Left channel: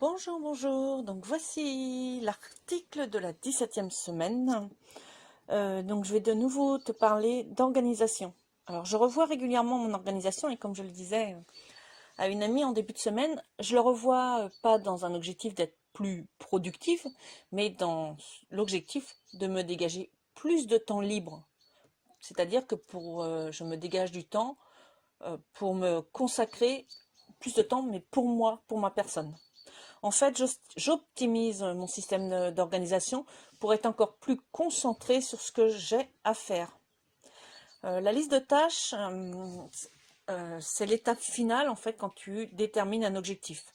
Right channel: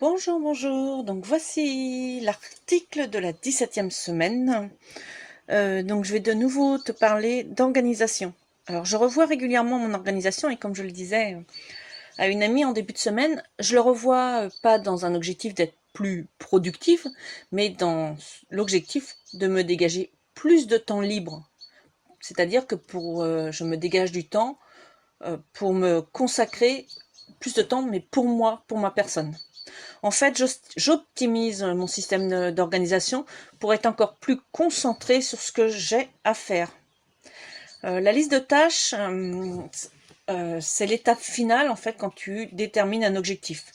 Bonjour, bonjour. Donc voici l'article de la 17e semaine. Donc je vais de nouveau te parler d'organisation. Alors je revois régulièrement mon organisation et comme je le disais à une amie en début de semaine, je le revois pas dans un objectif d'être plus productive, mais dans l'objectif de me dégager plus de temps libre. C'est-à-dire que je me dégage du temps pour me consacrer plus de temps, mais pour moi, pour ma personne. En fait, j'optimise mon système d'organisation pour être encore plus concentré sur ce que j'ai à faire. La liste de tâches, c'est l'étape finale en fait quand tu détermines un objectif.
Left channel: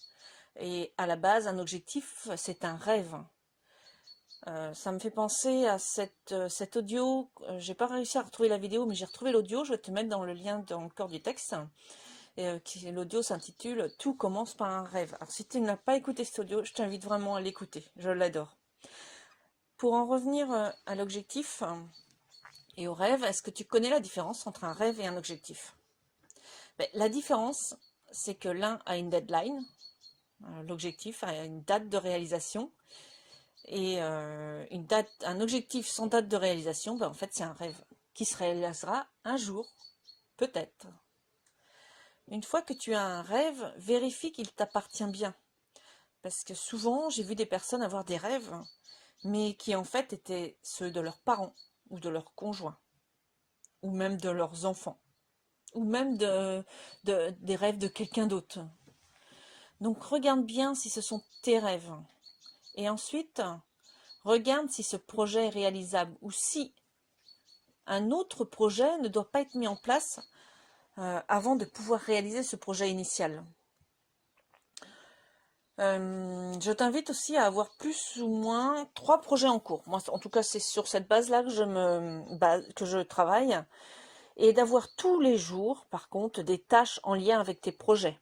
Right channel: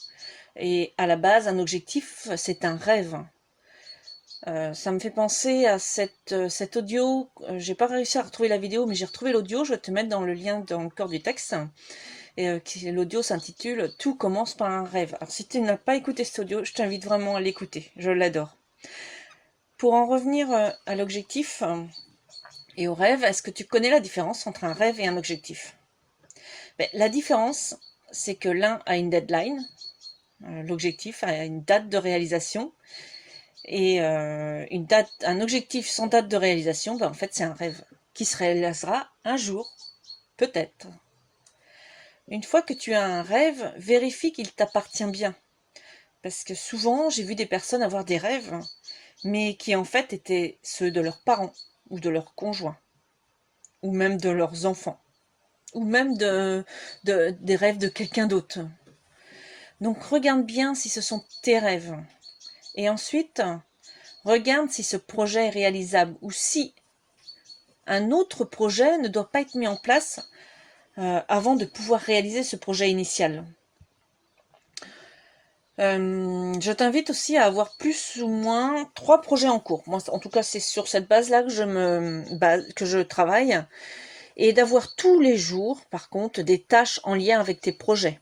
Et à la base, un objectif, c'est un rêve. Ça me fait penser à cet audio. J'ai pas réussi à retrouver la vidéo, mais j'ai retrouvé l'audio. Je vais te mettre dans le lien dans le corps du texte. Et l'audio s'intitule Tout commence par un rêve. Alors si tu n'as pas écouté cet audio, je t'invite vraiment à l'écouter. Je l'adore. Pour en revenir à l'objectif et au rêve, est-ce que tu connais la différence entre un rêve et un objectif? La différence, c'est que l'un a une deadline, l'objectif a une date de réalisation, et un objectif sans date de réalisation, en fait, c'est un rêve qui se réalisera un jour, peut-être. Une fois que tu as un rêve, vérifie qu'il t'appartient bien. Parce que souvent, j'ai vu des personnes avoir des rêves, mais qui en fait étaient ceux de leurs parents, ou de leurs conjoints, ou même de leurs enfants, ou même des rêves de quelqu'un d'autre. Donc regarde bien si ce sont tes rêves. Et ensuite, regarde si ce projet est réalisable, ou si un autre projet ne doit pas être mis en place avant de pouvoir réaliser ce projet initial. Je t'invite aussi à avoir plus ou moins 3 projets en cours. Moi, en tout cas, c'est sur cette base-là que je travaille. Et d'avoir tous les jours, par contre, des tâches en lien avec tes projets.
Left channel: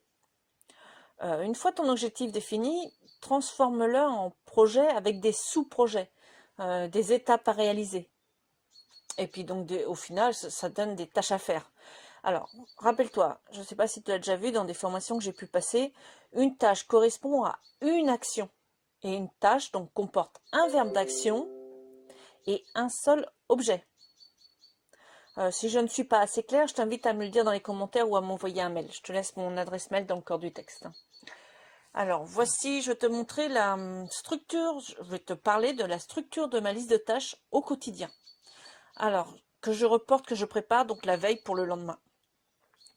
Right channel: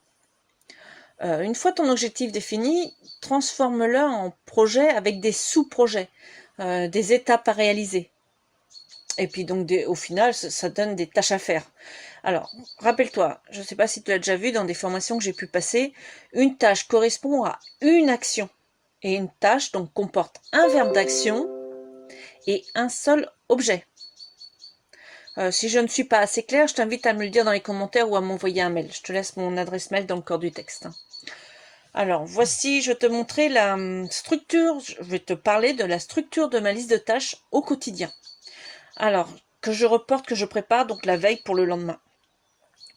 Une fois ton objectif défini, transforme-le en projet avec des sous-projets, des étapes à réaliser. Et puis donc, au final, ça donne des tâches à faire. Alors, rappelle-toi, je ne sais pas si tu l'as déjà vu dans des formations que j'ai pu passer, une tâche correspond à une action. Et une tâche donc comporte un verbe d'action et un seul objet. Si je ne suis pas assez claire, je t'invite à me le dire dans les commentaires ou à m'envoyer un mail. Je te laisse mon adresse mail dans le corps du texte. Alors, voici, je vais te montrer la structure, je vais te parler de la structure de ma liste de tâches au quotidien. Alors, que je reporte, que je prépare, donc la veille pour le lendemain.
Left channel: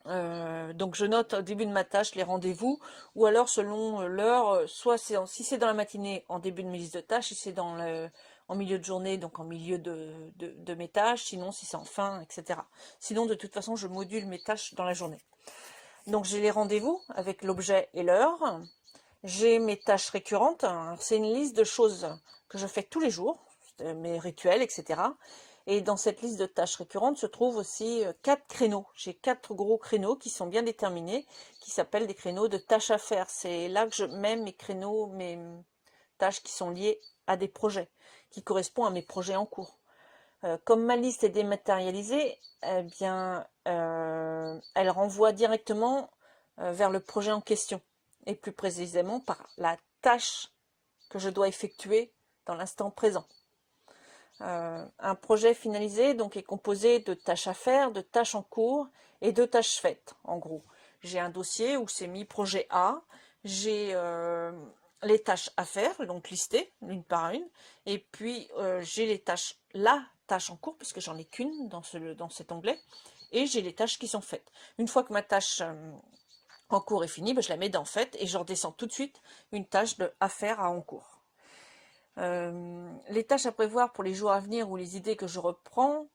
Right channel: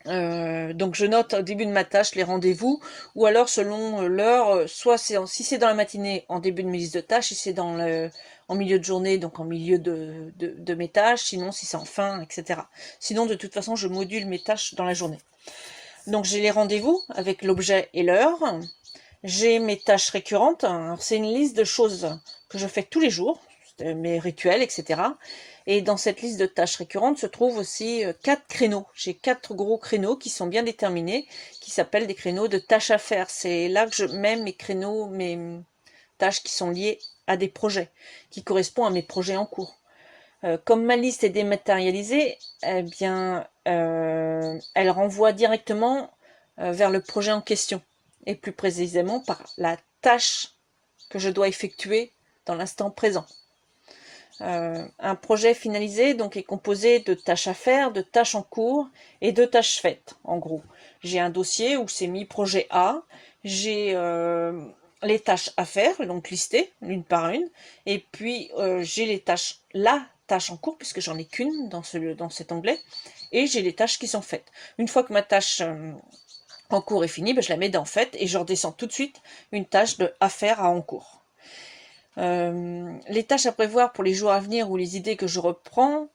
Donc je note au début de ma tâche les rendez-vous, ou alors selon l'heure, soit si c'est dans la matinée en début de mes listes de tâches, si c'est en milieu de journée, donc en milieu de mes tâches, sinon si c'est en fin, etc. Sinon de toute façon je module mes tâches dans la journée. Donc j'ai les rendez-vous avec l'objet et l'heure, j'ai mes tâches récurrentes, c'est une liste de choses que je fais tous les jours, mes rituels, etc. Et dans cette liste de tâches récurrentes se trouvent aussi 4 créneaux. J'ai 4 gros créneaux qui sont bien déterminés, qui s'appellent des créneaux de tâches à faire. C'est là que je mets mes créneaux, mes tâches qui sont liées à des projets, qui correspondent à mes projets en cours. Comme ma liste est dématérialisée, eh bien, elle renvoie directement vers le projet en question, et plus précisément par la tâche que je dois effectuer dans l'instant présent. Un projet finalisé donc est composé de tâches à faire, de tâches en cours et de tâches faites, en gros. J'ai un dossier où c'est mis projet A, j'ai les tâches à faire, donc listées l'une par une, et puis j'ai la tâche en cours, puisque j'en ai qu'une dans cet onglet, et j'ai les tâches qui sont faites. Une fois que ma tâche en cours est finie, je la mets dans Faites et je redescends tout de suite une tâche de à faire à en cours. Les tâches à prévoir pour les jours à venir ou les idées que je reprends.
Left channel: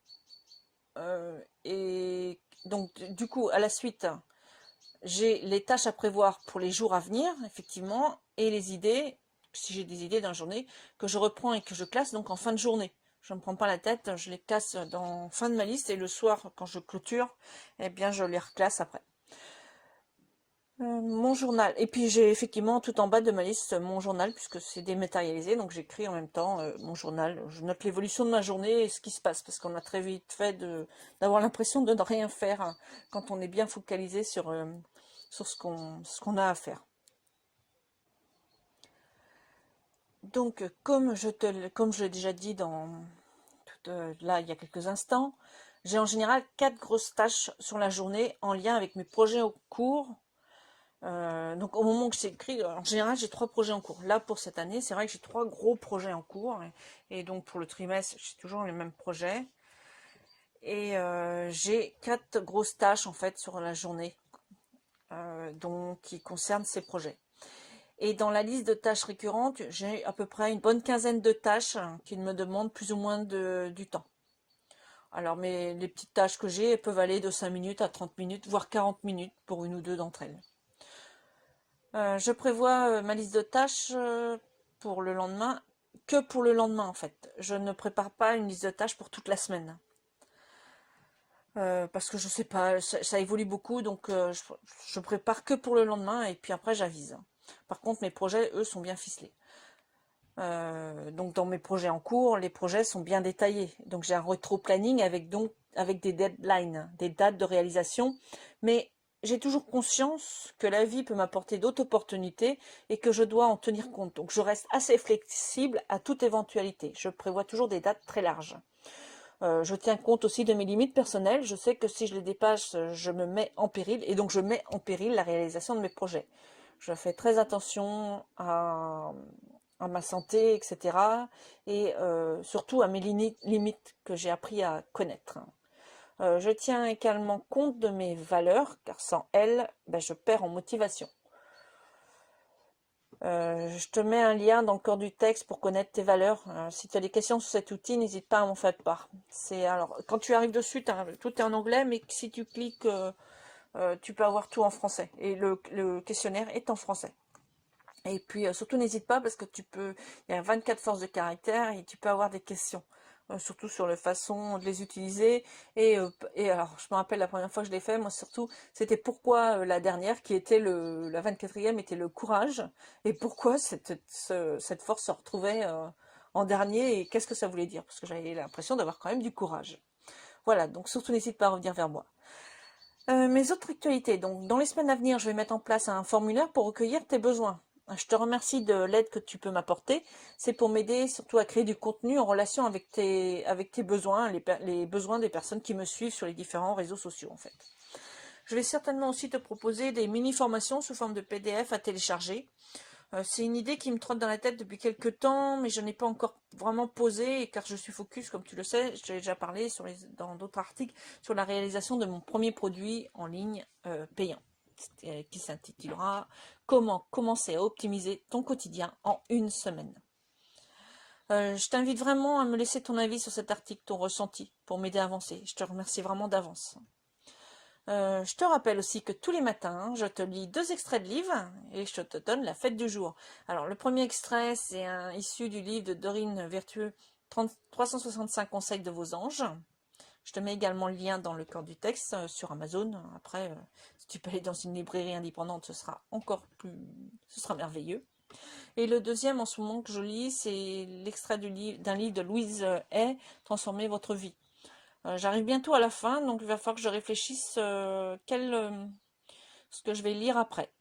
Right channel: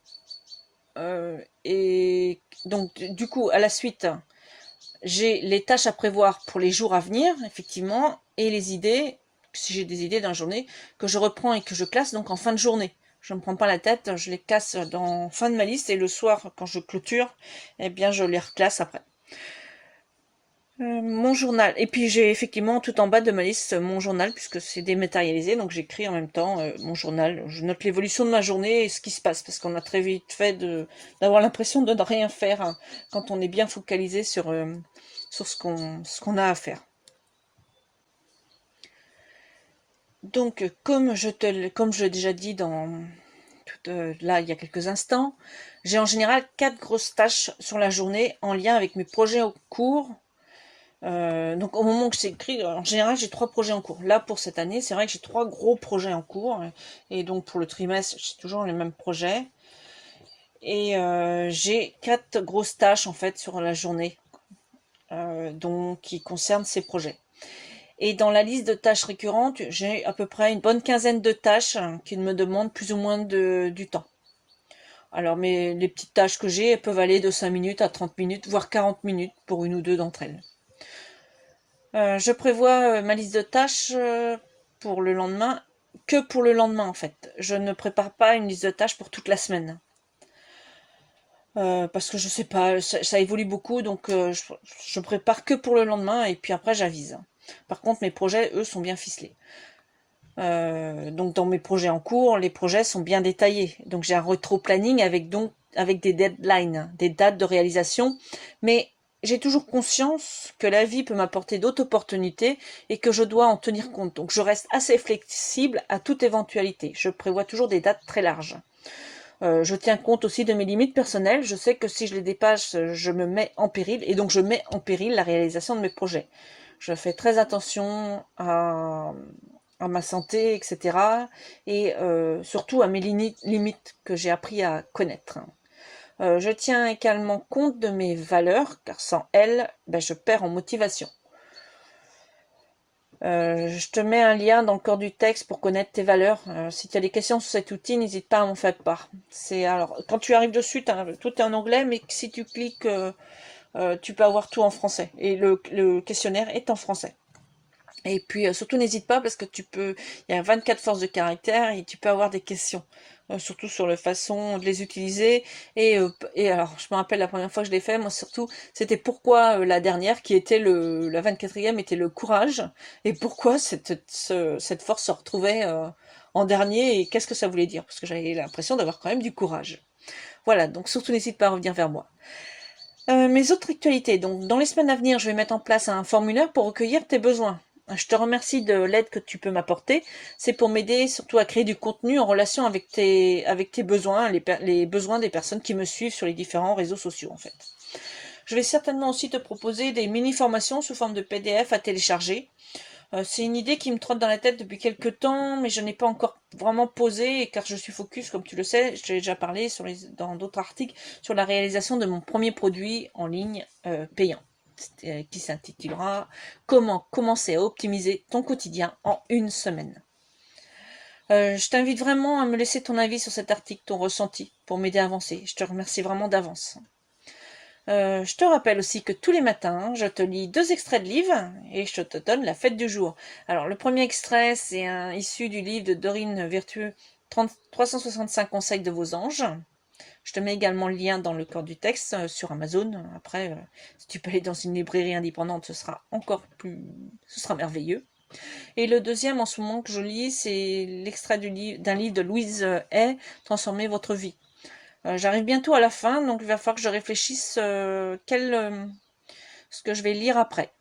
Et donc, du coup, à la suite, j'ai les tâches à prévoir pour les jours à venir, effectivement, et les idées, si j'ai des idées dans la journée, que je reprends et que je classe donc en fin de journée. Je ne me prends pas la tête, je les casse dans fin de ma liste et le soir, quand je clôture, eh bien, je les reclasse après. Mon journal. Et puis j'ai effectivement tout en bas de ma liste mon journal, puisque c'est dématérialisé, donc j'écris en même temps mon journal. Je note l'évolution de ma journée et ce qui se passe, parce qu'on a très vite fait d'avoir l'impression de ne rien faire hein, quand on est bien focalisé sur ce qu'on a à faire. Donc, comme je l'ai déjà dit là il y a quelques instants, j'ai en général 4 grosses tâches sur la journée en lien avec mes projets en cours. Donc au moment où je s'écrit, en général j'ai 3 projets en cours. Là pour cette année, c'est vrai que j'ai 3 gros projets en cours. Et donc pour le trimestre, j'ai toujours les mêmes projets. Et j'ai 4 grosses tâches en fait sur la journée, donc qui concernent ces projets. Et dans la liste de tâches récurrentes, j'ai à peu près une bonne quinzaine de tâches qui me demandent plus ou moins du temps. Alors, les petites tâches que j'ai, elles peuvent aller de 5 minutes à 30 minutes, voire 40 minutes pour une ou deux d'entre elles. Je prévois ma liste de tâches pour le lendemain, que pour le lendemain en fait. Je ne prépare pas une liste de tâches pour toute la semaine. Parce que je sais pas, ça évolue beaucoup, donc je prépare que pour le lendemain et puis après j'avise. Par contre, mes projets, eux, sont bien ficelés. Donc dans mes projets en cours, les projets sont bien détaillés. Donc j'ai un rétro-planning avec des deadlines, des dates de réalisation. Mais j'ai toujours conscience que la vie peut m'apporter d'autres opportunités et que je dois en tenir compte. Donc je reste assez flexible à toute éventualité. Je prévois toujours des dates très larges. Je tiens compte aussi de mes limites personnelles. Je sais que si je les dépasse, je me mets en péril et donc je mets en péril la réalisation de mes projets. Je fais très attention à ma santé, etc. Et surtout à mes limites que j'ai appris à connaître. Je tiens également compte de mes valeurs, car sans elles, ben, je perds en motivation. Je te mets un lien dans le corps du texte pour connaître tes valeurs. Si tu as des questions sur cet outil, n'hésite pas à m'en faire part. Alors, quand tu arrives dessus, tout est en anglais, mais si tu cliques, tu peux avoir tout en français. Et le questionnaire est en français. Et puis surtout n'hésite pas parce que il y a 24 forces de caractère et tu peux avoir des questions, surtout sur la façon de les utiliser. Et alors je me rappelle la première fois que je l'ai fait, moi surtout, c'était pourquoi la dernière qui était la 24e était le courage et pourquoi cette force se retrouvait en dernier et qu'est-ce que ça voulait dire parce que j'avais l'impression d'avoir quand même du courage. Voilà, donc surtout n'hésite pas à revenir vers moi. Mes autres actualités. Donc, dans les semaines à venir, je vais mettre en place un formulaire pour recueillir tes besoins. Je te remercie de l'aide que tu peux m'apporter. C'est pour m'aider surtout à créer du contenu en relation avec tes besoins, les besoins des personnes qui me suivent sur les différents réseaux sociaux, en fait. Je vais certainement aussi te proposer des mini-formations sous forme de PDF à télécharger. C'est une idée qui me trotte dans la tête depuis quelques temps, mais je n'ai pas encore vraiment posé, car je suis focus, comme tu le sais, je t'ai déjà parlé dans d'autres articles, sur la réalisation de mon premier produit en ligne payant, qui s'intitulera « Comment commencer à optimiser ton quotidien en une semaine ». Je t'invite vraiment à me laisser ton avis sur cet article, ton ressenti, pour m'aider à avancer. Je te remercie vraiment d'avance. Je te rappelle aussi que tous les matins, je te lis 2 extraits de livres et je te donne la fête du jour. Alors, le premier extrait, c'est issu du livre de Dorine Virtue, 365 conseils de vos anges. Je te mets également le lien dans le corps du texte sur Amazon. Après, si tu peux aller dans une librairie indépendante, ce sera merveilleux. Et le deuxième, en ce moment que je lis, c'est l'extrait d'un livre de Louise Hay, Transformer votre vie. J'arrive bientôt à la fin, donc il va falloir que je réfléchisse ce que je vais lire après.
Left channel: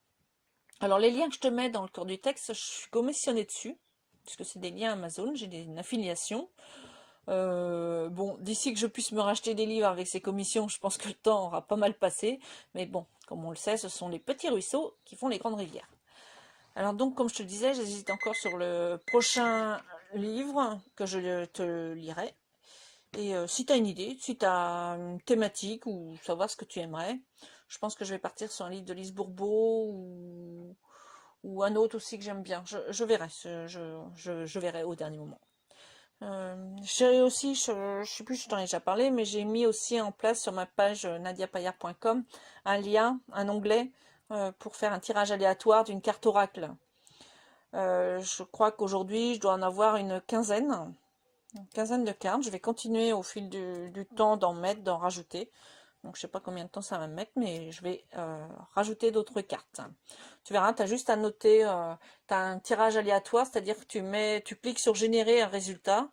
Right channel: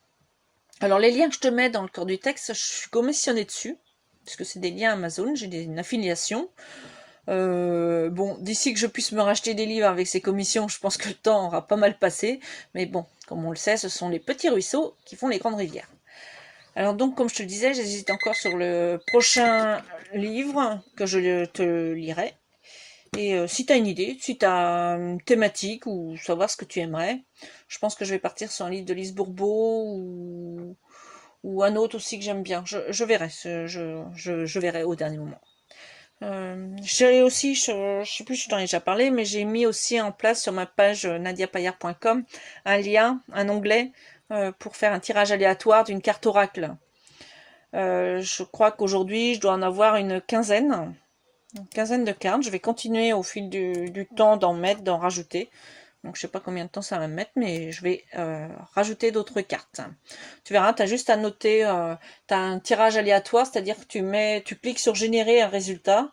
Alors les liens que je te mets dans le corps du texte, je suis commissionnée dessus, puisque c'est des liens Amazon, j'ai une affiliation. Bon, d'ici que je puisse me racheter des livres avec ces commissions, je pense que le temps aura pas mal passé. Mais bon, comme on le sait, ce sont les petits ruisseaux qui font les grandes rivières. Alors donc, comme je te le disais, j'hésite encore sur le prochain livre que je te lirai. Et si tu as une idée, si tu as une thématique ou savoir ce que tu aimerais, je pense que je vais partir sur un livre de Lise Bourbeau ou un autre aussi que j'aime bien. Je verrai, je verrai au dernier moment. J'ai aussi, je sais plus si je t'en ai déjà parlé, mais j'ai mis aussi en place sur ma page nadiapayard.com un lien, un onglet pour faire un tirage aléatoire d'une carte oracle. Je crois qu'aujourd'hui, je dois en avoir une quinzaine de cartes. Je vais continuer au fil du temps d'en rajouter. Donc je sais pas combien de temps ça va me mettre, mais je vais rajouter d'autres cartes. Tu verras, tu as juste à noter, tu as un tirage aléatoire, c'est-à-dire que tu cliques sur générer un résultat.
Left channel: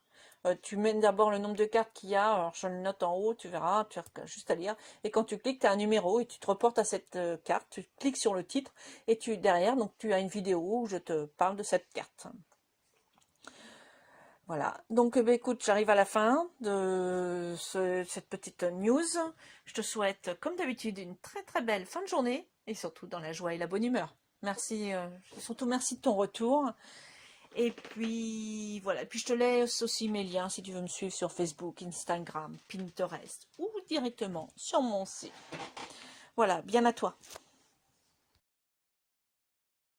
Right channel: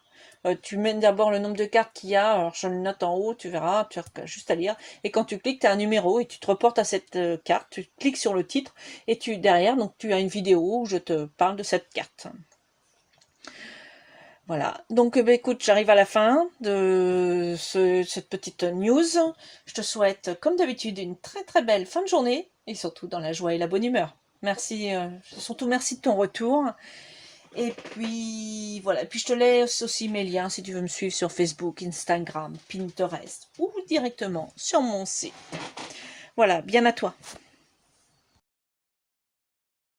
Tu mets d'abord le nombre de cartes qu'il y a, alors je le note en haut, tu verras, tu as juste à lire. Et quand tu cliques, tu as un numéro et tu te reportes à cette carte, tu cliques sur le titre et derrière, donc tu as une vidéo où je te parle de cette carte. Voilà. Donc, bah, écoute, j'arrive à la fin de cette petite news. Je te souhaite, comme d'habitude, une très très belle fin de journée et surtout dans la joie et la bonne humeur. Merci, surtout merci de ton retour. Et puis voilà. Et puis je te laisse aussi mes liens si tu veux me suivre sur Facebook, Instagram, Pinterest ou directement sur mon site. Voilà, bien à toi.